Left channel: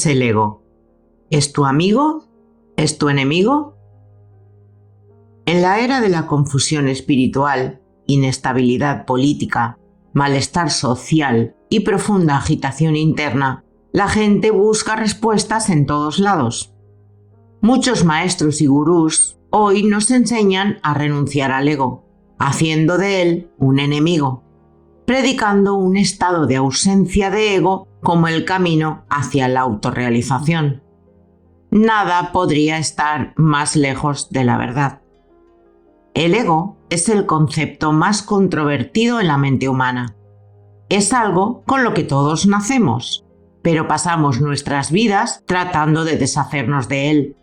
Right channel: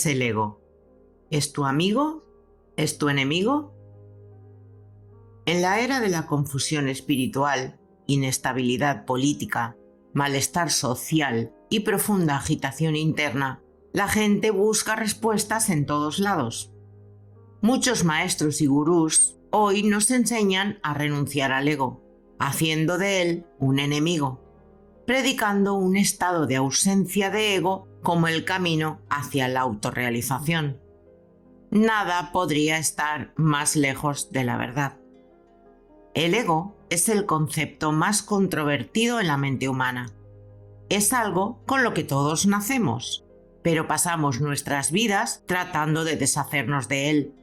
es el ego? ¿Es tu amigo? ¿Es tu enemigo? En la era de la confusión espiritual, inestabilidad política, malestar social y profunda agitación interna, la gente busca respuestas en todos lados. Muchos maestros y gurús hoy nos enseñan a renunciar al ego, haciendo de él un enemigo, predicando un estado de ausencia de ego como el camino hacia la autorrealización. Nada podría estar más lejos de la verdad. El ego es el concepto más controvertido en la mente humana. Es algo con lo que todos nacemos, pero pasamos nuestras vidas tratando de deshacernos de él.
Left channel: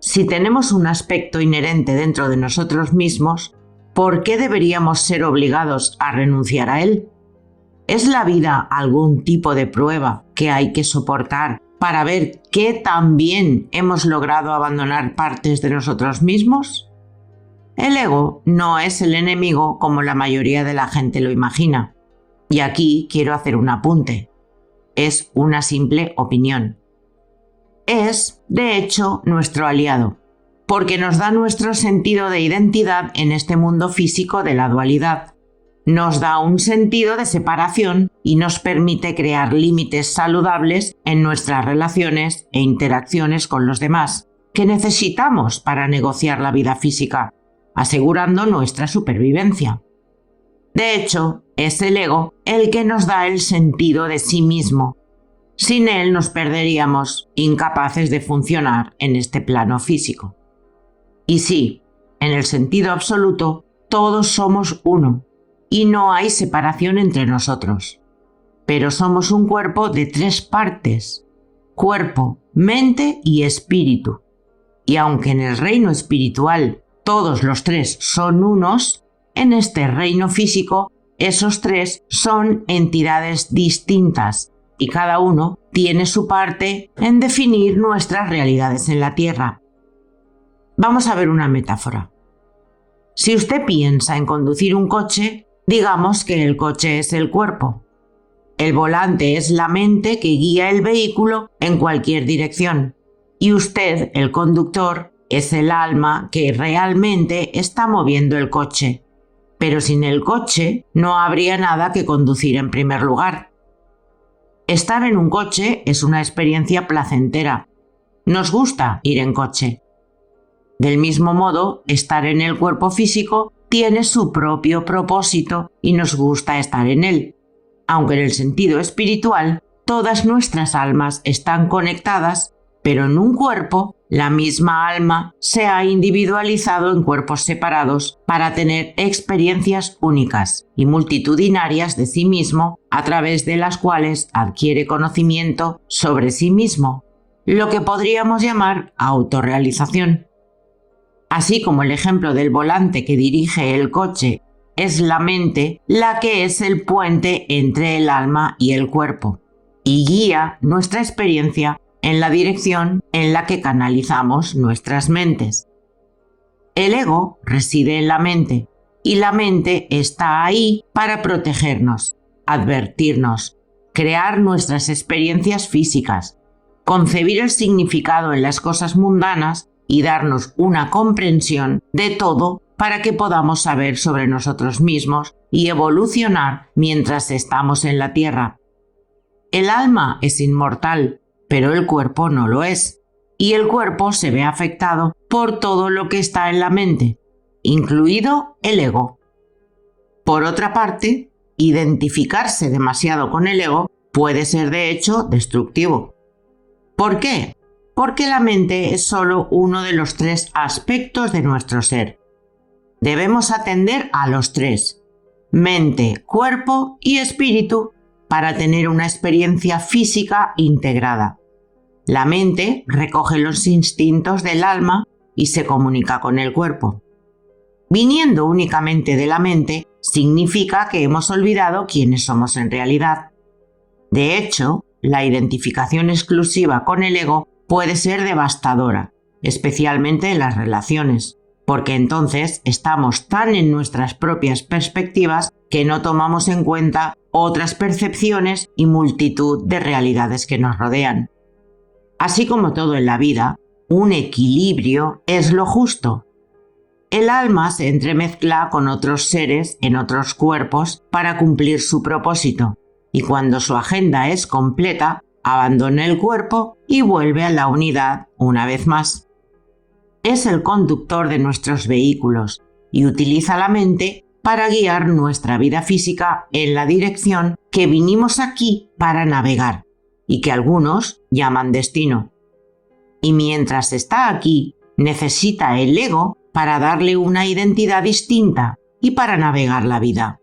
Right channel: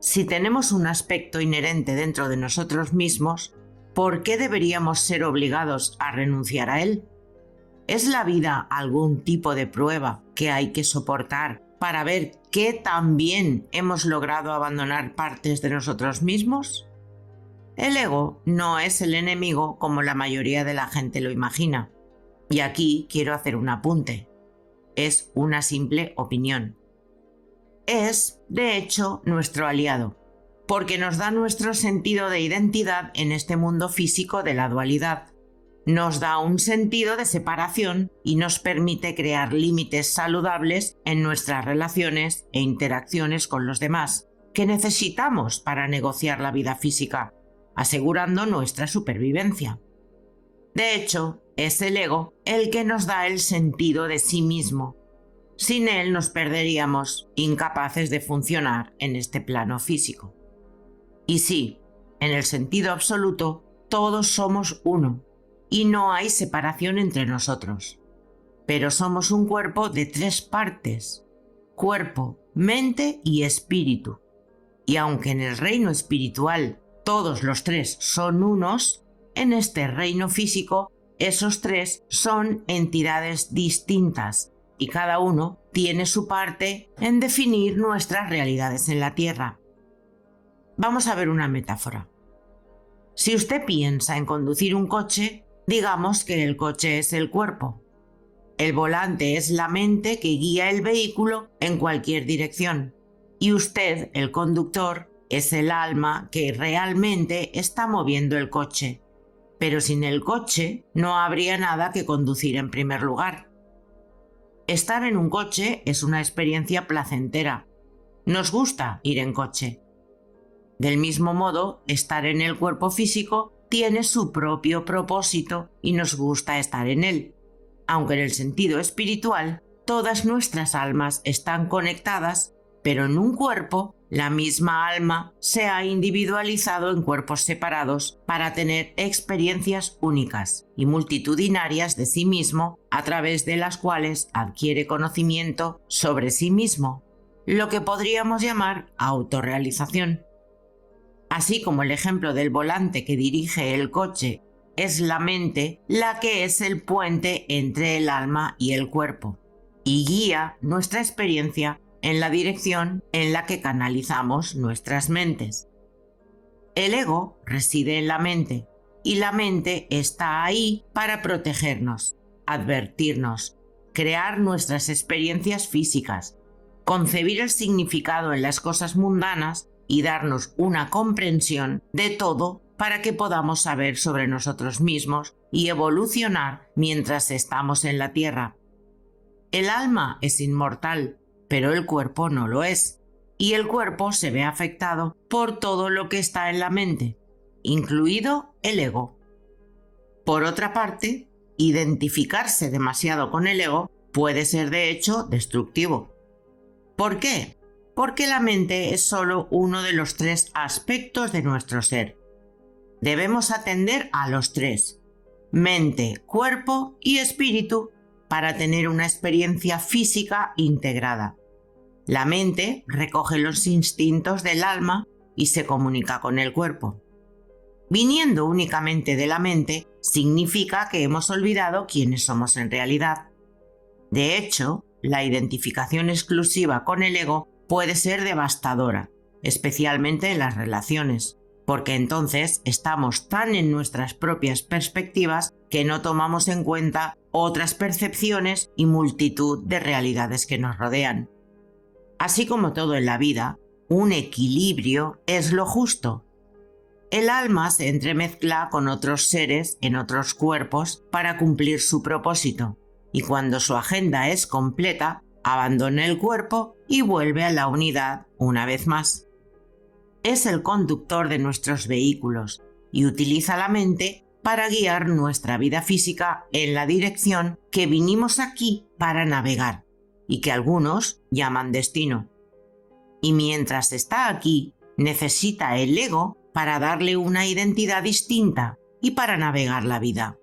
Si tenemos un aspecto inherente dentro de nosotros mismos, ¿por qué deberíamos ser obligados a renunciar a él? ¿Es la vida algún tipo de prueba que hay que soportar para ver qué tan bien hemos logrado abandonar partes de nosotros mismos? El ego no es el enemigo como la mayoría de la gente lo imagina. Y aquí quiero hacer un apunte. Es una simple opinión. Es, de hecho, nuestro aliado, porque nos da nuestro sentido de identidad en este mundo físico de la dualidad. Nos da un sentido de separación y nos permite crear límites saludables en nuestras relaciones e interacciones con los demás, que necesitamos para negociar la vida física, asegurando nuestra supervivencia. De hecho, es el ego el que nos da el sentido de sí mismo. Sin él nos perderíamos, incapaces de funcionar en este plano físico. Y sí, en el sentido absoluto, todos somos uno, y no hay separación entre nosotros. Pero somos un cuerpo de 3 partes: cuerpo, mente y espíritu. Y aunque en el reino espiritual todos los 3 son unos, en este reino físico esos 3 son entidades distintas y cada uno tiene su parte en definir nuestras realidades en la Tierra. Vamos a ver una metáfora. Si usted piensa en conducir un coche, digamos que el coche es el cuerpo. El volante es la mente que guía el vehículo en cualquier dirección. Y usted, el conductor, es el alma que realmente está moviendo el coche. Pero sin el coche no habría nada que conducir en primer lugar. Estar en un coche es una experiencia placentera. Nos gusta ir en coche. Del mismo modo, estar en el cuerpo físico tiene su propio propósito y nos gusta estar en él. Aunque en el sentido espiritual, todas nuestras almas están conectadas, pero en un cuerpo, la misma alma se ha individualizado en cuerpos separados para tener experiencias únicas y multitudinarias de sí mismo, a través de las cuales adquiere conocimiento sobre sí mismo, lo que podríamos llamar autorrealización. Así como el ejemplo del volante que dirige el coche es la mente la que es el puente entre el alma y el cuerpo, y guía nuestra experiencia en la dirección en la que canalizamos nuestras mentes. El ego reside en la mente, y la mente está ahí para protegernos, advertirnos, crear nuestras experiencias físicas, concebir el significado en las cosas mundanas y darnos una comprensión de todo para que podamos saber sobre nosotros mismos y evolucionar mientras estamos en la Tierra. El alma es inmortal, pero el cuerpo no lo es, y el cuerpo se ve afectado por todo lo que está en la mente, incluido el ego. Por otra parte, identificarse demasiado con el ego puede ser de hecho destructivo. ¿Por qué? Porque la mente es solo uno de los 3 aspectos de nuestro ser. Debemos atender a los 3, mente, cuerpo y espíritu, para tener una experiencia física integrada. La mente recoge los instintos del alma y se comunica con el cuerpo. Viniendo únicamente de la mente, significa que hemos olvidado quiénes somos en realidad. De hecho, la identificación exclusiva con el ego puede ser devastadora, especialmente en las relaciones, porque entonces estamos tan en nuestras propias perspectivas que no tomamos en cuenta otras percepciones y multitud de realidades que nos rodean. Así como todo en la vida, un equilibrio es lo justo. El alma se entremezcla con otros seres en otros cuerpos para cumplir su propósito, y cuando su agenda es completa, abandona el cuerpo y vuelve a la unidad una vez más. Es el conductor de nuestros vehículos y utiliza la mente para guiar nuestra vida física en la dirección que vinimos aquí para navegar y que algunos llaman destino. Y mientras está aquí, necesita el ego para darle una identidad distinta y para navegar la vida.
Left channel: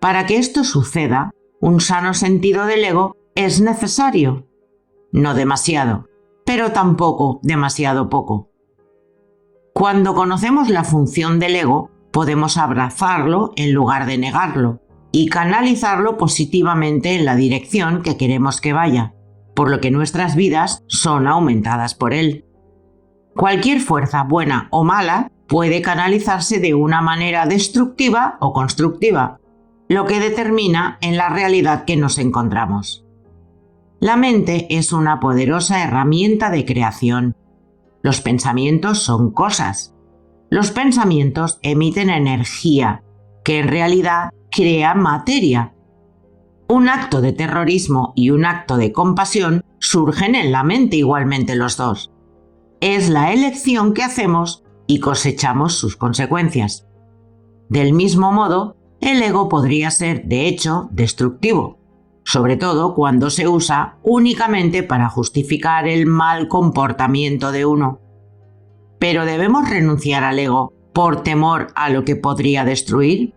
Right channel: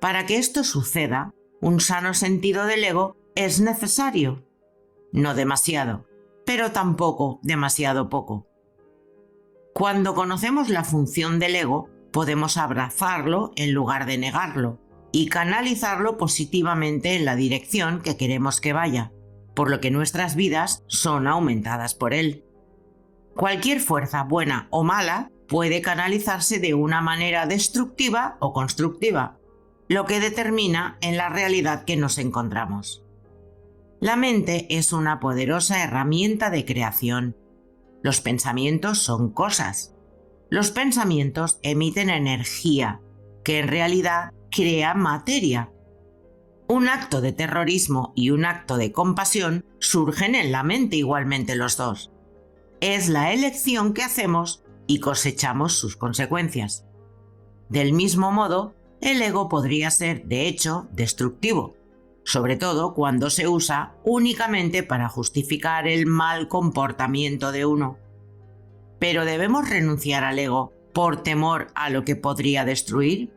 Para que esto suceda, un sano sentido del ego es necesario. No demasiado, pero tampoco demasiado poco. Cuando conocemos la función del ego, podemos abrazarlo en lugar de negarlo y canalizarlo positivamente en la dirección que queremos que vaya, por lo que nuestras vidas son aumentadas por él. Cualquier fuerza, buena o mala, puede canalizarse de una manera destructiva o constructiva, lo que determina en la realidad que nos encontramos. La mente es una poderosa herramienta de creación. Los pensamientos son cosas. Los pensamientos emiten energía, que en realidad crea materia. Un acto de terrorismo y un acto de compasión surgen en la mente igualmente los dos. Es la elección que hacemos y cosechamos sus consecuencias. Del mismo modo, el ego podría ser, de hecho, destructivo, sobre todo cuando se usa únicamente para justificar el mal comportamiento de uno. ¿Pero debemos renunciar al ego por temor a lo que podría destruir?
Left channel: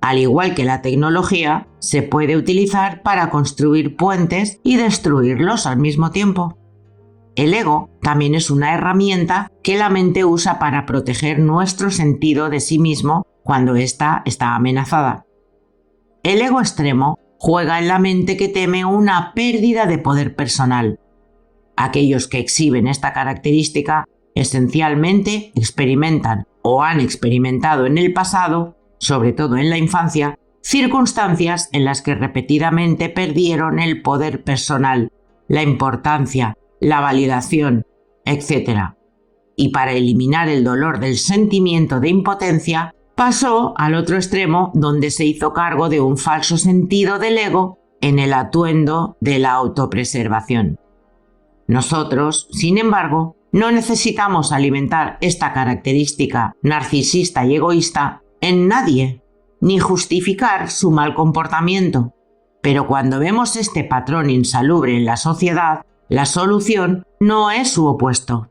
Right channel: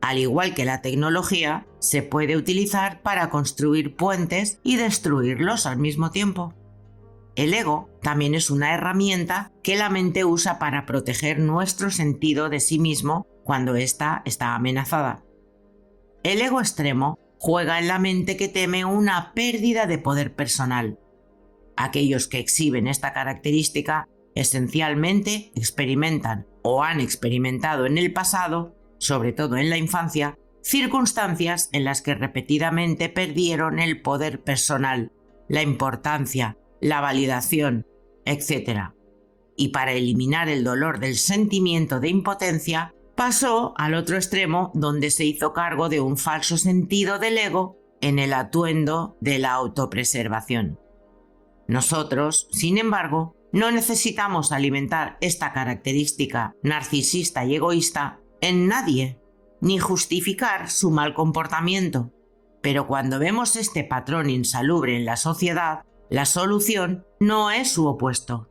Al igual que la tecnología, se puede utilizar para construir puentes y destruirlos al mismo tiempo. El ego también es una herramienta que la mente usa para proteger nuestro sentido de sí mismo cuando ésta está amenazada. El ego extremo juega en la mente que teme una pérdida de poder personal. Aquellos que exhiben esta característica esencialmente experimentan o han experimentado en el pasado, sobre todo en la infancia, circunstancias en las que repetidamente perdieron el poder personal, la importancia, la validación, etc. Y para eliminar el dolor del sentimiento de impotencia, pasó al otro extremo donde se hizo cargo de un falso sentido del ego en el atuendo de la autopreservación. Nosotros, sin embargo, no necesitamos alimentar esta característica narcisista y egoísta en nadie, ni justificar su mal comportamiento. Pero cuando vemos este patrón insalubre en la sociedad, la solución no es su opuesto.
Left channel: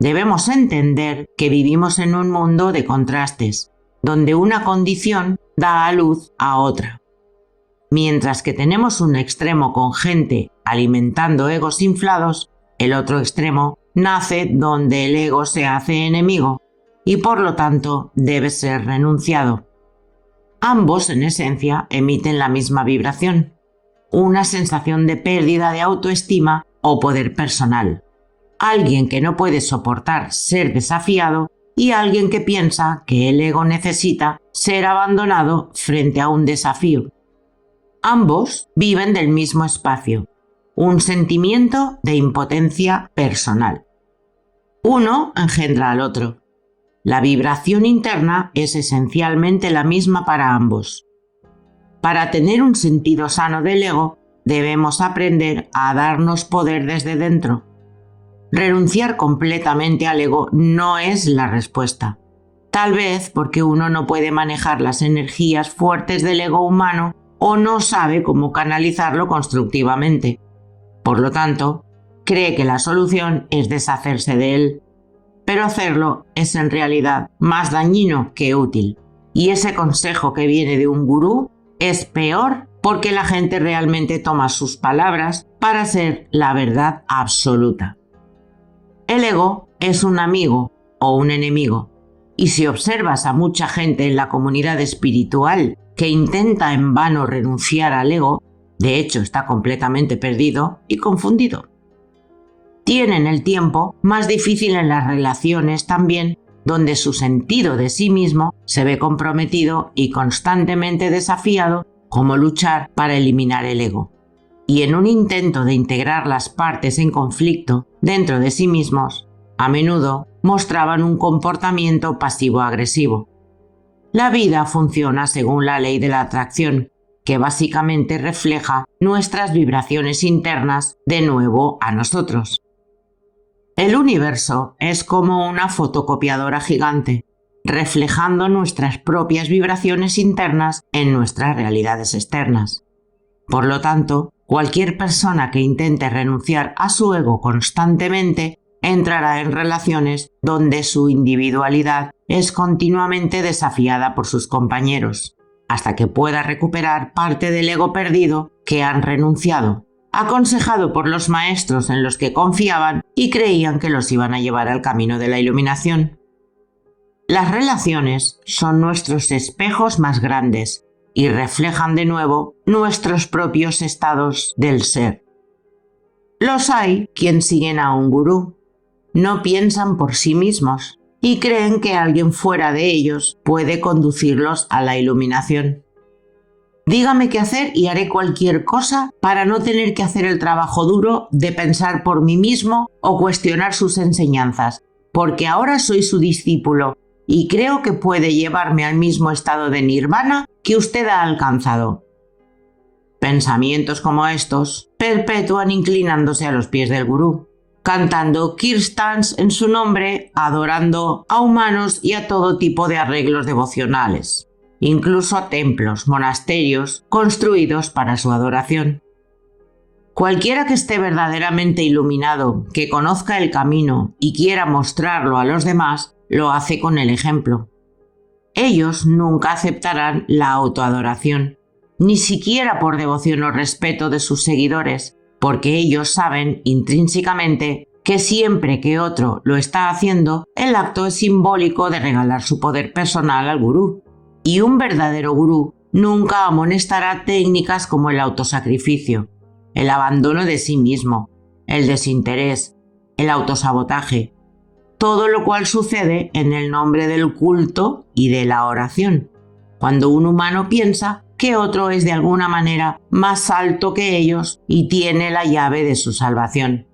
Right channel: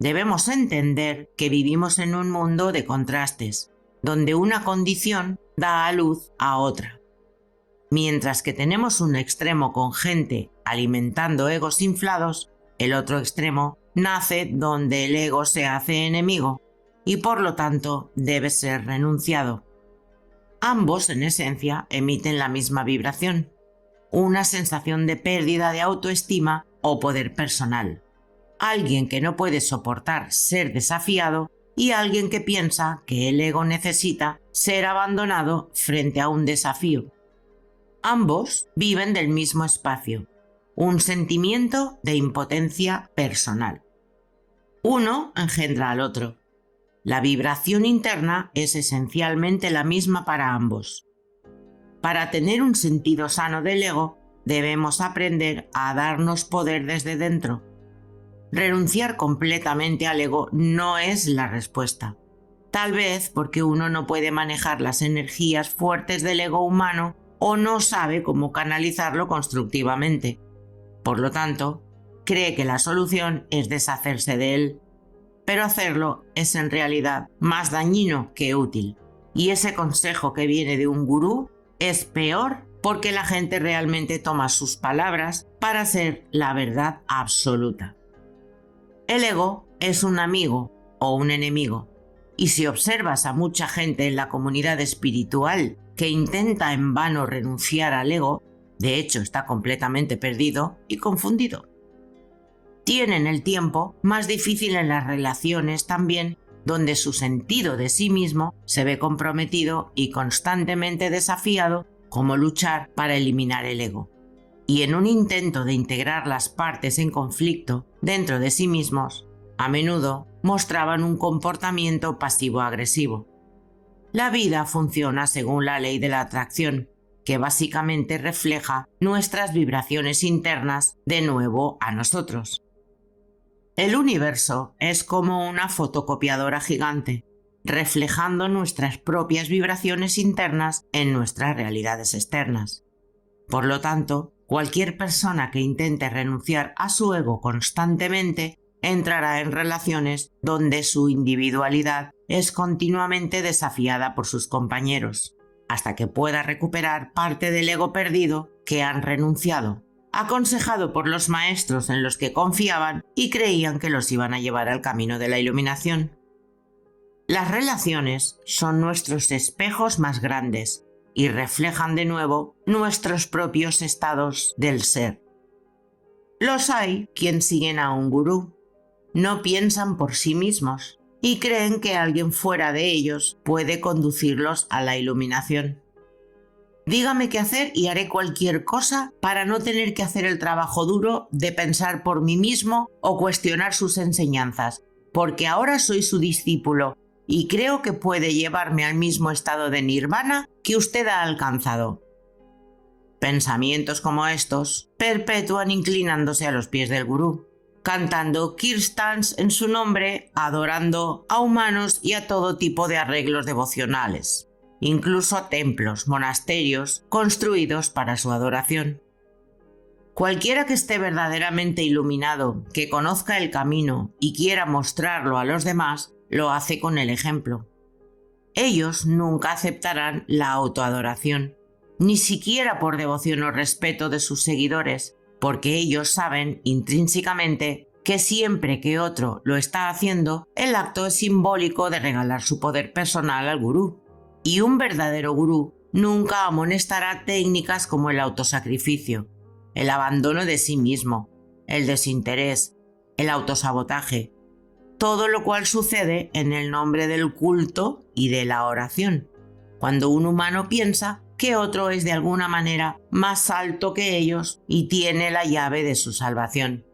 Debemos entender que vivimos en un mundo de contrastes, donde una condición da a luz a otra. Mientras que tenemos un extremo con gente alimentando egos inflados, el otro extremo nace donde el ego se hace enemigo y por lo tanto debe ser renunciado. Ambos, en esencia, emiten la misma vibración, una sensación de pérdida de autoestima o poder personal. Alguien que no puede soportar ser desafiado y alguien que piensa que el ego necesita ser abandonado frente a un desafío. Ambos viven del mismo espacio, un sentimiento de impotencia personal. Uno engendra al otro. La vibración interna es esencialmente la misma para ambos. Para tener un sentido sano del ego, debemos aprender a darnos poder desde dentro. Renunciar completamente al ego no es la respuesta. Tal vez porque uno no puede manejar las energías fuertes del ego humano o no sabe cómo canalizarlo constructivamente. Por lo tanto, cree que la solución es deshacerse de él. Pero hacerlo es en realidad más dañino que útil. Y ese consejo que viene de un gurú es peor porque la gente realmente toma sus palabras para ser la verdad absoluta. El ego es un amigo o un enemigo. Y si observas a mucha gente en la comunidad espiritual que intenta en vano renunciar al ego, de hecho está completamente perdido y confundido. Tienen el tiempo más difícil en las relaciones también, donde su sentido de sí mismo se ve comprometido y constantemente desafiado, como luchar para eliminar el ego. y en un intento de integrar las partes en conflicto dentro de sí mismos, a menudo mostraban un comportamiento pasivo-agresivo. La vida funciona según la ley de la atracción, que básicamente refleja nuestras vibraciones internas de nuevo a nosotros. El universo es como una fotocopiadora gigante, reflejando nuestras propias vibraciones internas en nuestras realidades externas. Por lo tanto, cualquier persona que intente renunciar a su ego constantemente entrará en relaciones donde su individualidad es continuamente desafiada por sus compañeros, hasta que pueda recuperar parte del ego perdido que han renunciado, aconsejado por los maestros en los que confiaban y creían que los iban a llevar al camino de la iluminación. Las relaciones son nuestros espejos más grandes y reflejan de nuevo nuestros propios estados del ser. Los hay quien siguen a un gurú, no piensan por sí mismos y creen que alguien fuera de ellos puede conducirlos a la iluminación. Dígame qué hacer y haré cualquier cosa para no tener que hacer el trabajo duro de pensar por mí mismo o cuestionar sus enseñanzas, porque ahora soy su discípulo y creo que puede llevarme al mismo estado de nirvana que usted ha alcanzado. Pensamientos como estos perpetúan inclinándose a los pies del gurú, cantando kirtans en su nombre, adorando a humanos y a todo tipo de arreglos devocionales, incluso a templos, monasterios construidos para su adoración. Cualquiera que esté verdaderamente iluminado, que conozca el camino y quiera mostrarlo a los demás, lo hace con el ejemplo. Ellos nunca aceptarán la autoadoración, ni siquiera por devoción o respeto de sus seguidores, porque ellos saben intrínsecamente que siempre que otro lo está haciendo, el acto es simbólico de regalar su poder personal al gurú. Y un verdadero gurú nunca amonestará técnicas como el autosacrificio, el abandono de sí mismo, el desinterés, el autosabotaje, todo lo cual sucede en el nombre del culto y de la oración, cuando un humano piensa que otro es de alguna manera más alto que ellos y tiene la llave de su salvación.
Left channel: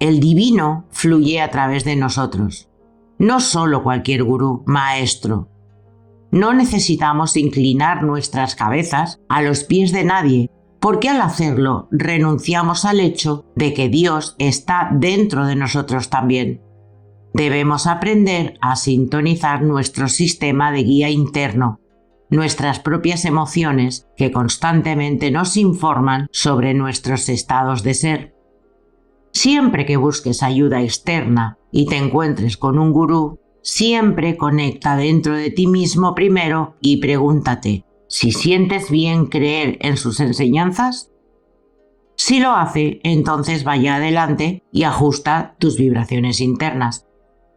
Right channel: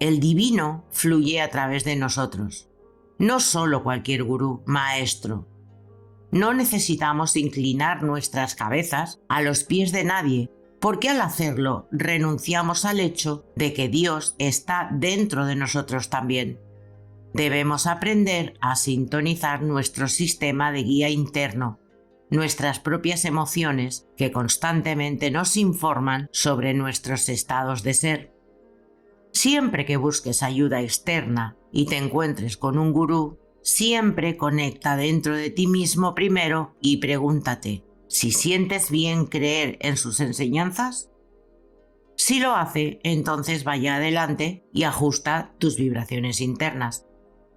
El divino fluye a través de nosotros, no solo cualquier gurú, maestro. No necesitamos inclinar nuestras cabezas a los pies de nadie, porque al hacerlo renunciamos al hecho de que Dios está dentro de nosotros también. Debemos aprender a sintonizar nuestro sistema de guía interno, nuestras propias emociones que constantemente nos informan sobre nuestros estados de ser. Siempre que busques ayuda externa y te encuentres con un gurú, siempre conecta dentro de ti mismo primero y pregúntate si sientes bien creer en sus enseñanzas. Si lo hace, entonces vaya adelante y ajusta tus vibraciones internas.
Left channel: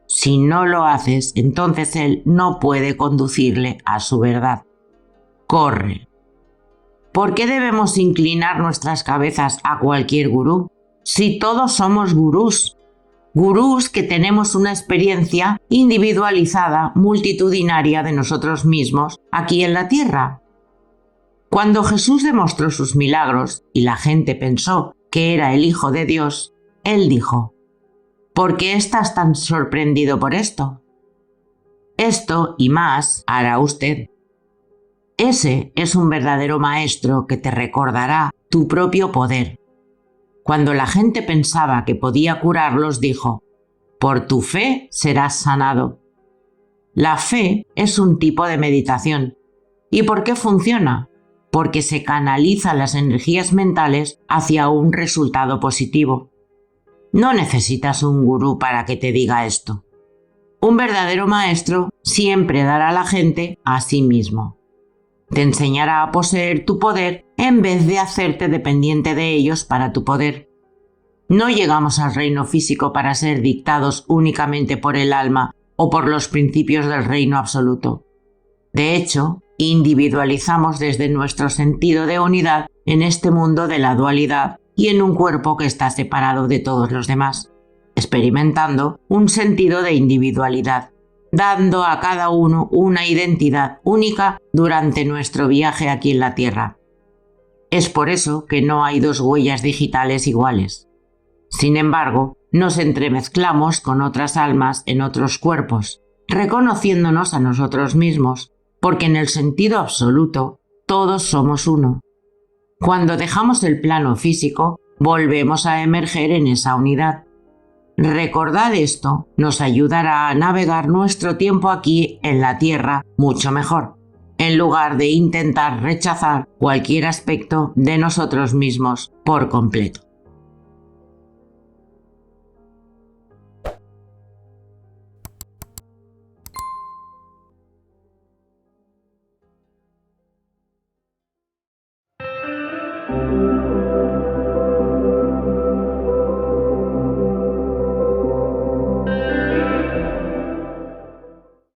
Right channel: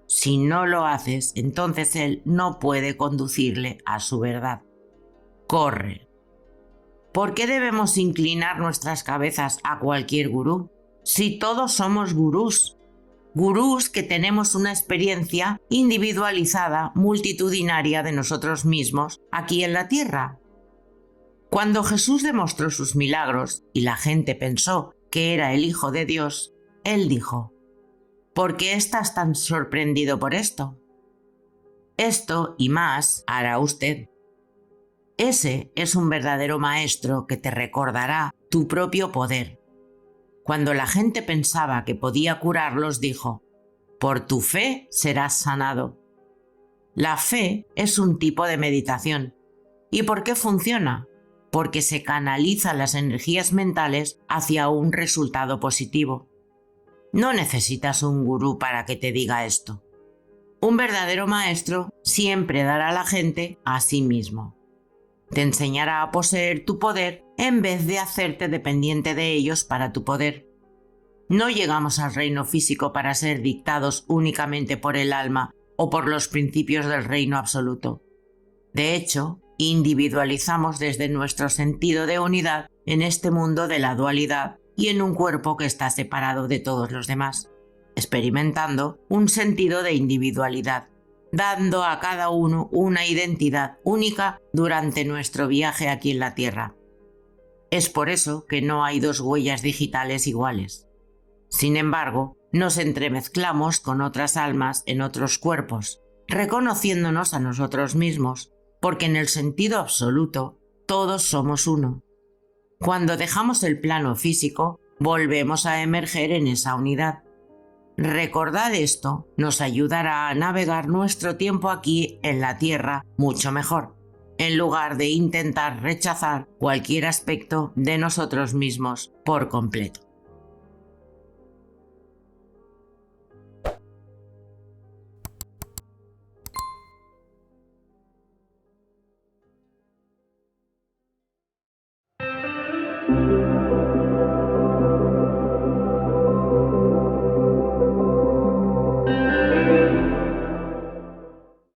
Si no lo haces, entonces él no puede conducirle a su verdad. Corre. ¿Por qué debemos inclinar nuestras cabezas a cualquier gurú? Si todos somos gurús. Gurús que tenemos una experiencia individualizada, multitudinaria de nosotros mismos aquí en la tierra. Cuando Jesús demostró sus milagros y la gente pensó que era el Hijo de Dios, él dijo: ¿por qué estás tan sorprendido por esto? Esto y más hará usted. Ese es un verdadero maestro que te recordará tu propio poder. Cuando la gente pensaba que podía curarlos, dijo: por tu fe serás sanado. La fe es un tipo de meditación. ¿Y por qué funciona? Porque se canalizan las energías mentales hacia un resultado positivo. No necesitas un gurú para que te diga esto. Un verdadero maestro siempre dará a la gente a sí mismo. Te enseñará a poseer tu poder en vez de hacerte dependiente de ellos para tu poder. No llegamos al reino físico para ser dictados únicamente por el alma o por los principios del reino absoluto. De hecho, individualizamos desde nuestro sentido de unidad en este mundo de la dualidad y en un cuerpo que está separado de todos los demás, experimentando un sentido de individualidad, dando a cada uno una identidad única durante nuestro viaje aquí en la Tierra. Es por eso que no hay dos huellas digitales iguales. Sin embargo, nos entremezclamos con otras almas en otros cuerpos, reconociéndonos a nosotros mismos, porque en el sentido absoluto, todos somos uno. Cuando dejamos el plano físico, volvemos a emerger en esa unidad. Recordar esto nos ayudará a navegar nuestro tiempo aquí en la Tierra mucho mejor, en lugar de intentar rechazar cualquier aspecto de nosotros mismos por completo.